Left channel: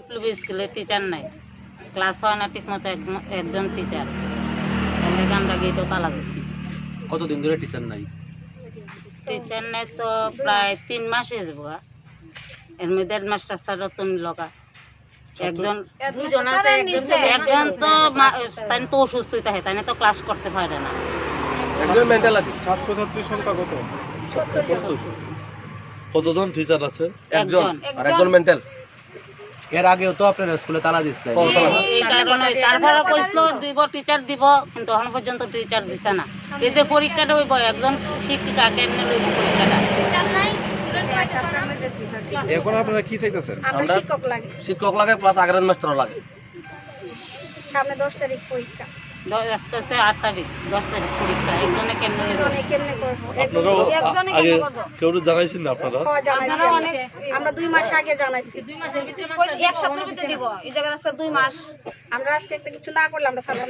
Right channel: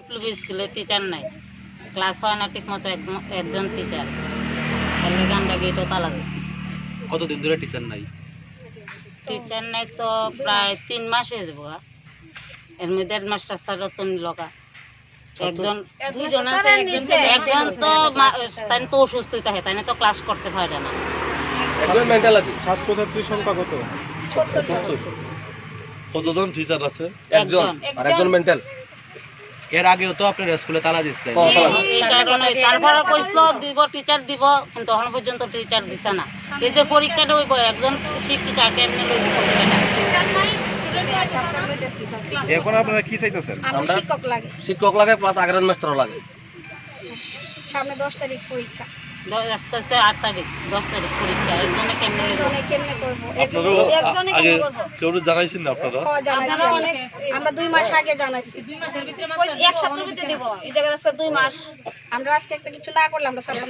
বিপ্লবী স্কুলে টিচার নাই। ক্লাস হয় না ঠিক মতো একজন টিচার তার লেগে আমরা গেটও তালা দিছি। কতদিন ধরে টিচার নাই? টিচার নাই তো প্রায় তিন মাস হয়ে যাব এর মধ্যে হেডমাস্টার স্যারও তো লগা। একজন দুইজন আছে একজন একজন তো মা- তাই তো অসুস্থ থাকে তাই তো ক্লাস করতে পারে না। একজন মেন্টাল আছে ছাত্রছাত্রীর সংখ্যা কত? কতজন টিচার আছে? একজন। আর একজন মেন্টাল এর আগেও তো আপনার স্কুলে তালা দিচ্ছে এই কারণে তারপরে কইছিল দিব টিচার দিব কিন্তু এখন পর্যন্ত টিচার দিছে না। এই যে পরীক্ষাটা হইব একজন শিক্ষিকা কেমনে লইব পরীক্ষাটা? এখন আপনারা কি চাইতেছেন? শিক্ষক লাগে। শিক্ষক লাগে প্লাস আগের মাস্টার লাগে। সামনে দশ তারিখ পরীক্ষা। আজকে হচ্ছে আট তারিখ দশ তারিখ পরীক্ষা একজনে কেমনে লইব? কেমনে করব? কেউ জানাইছেন না আপনারা? আমরা। আমরা দুই মাস আগে জানাইছি। এক সপ্তাহ ভিতরে দিব। এই জায়গায় দুই মাস। আমরা আজকে একটা কিছু না করলে আমরা সামনে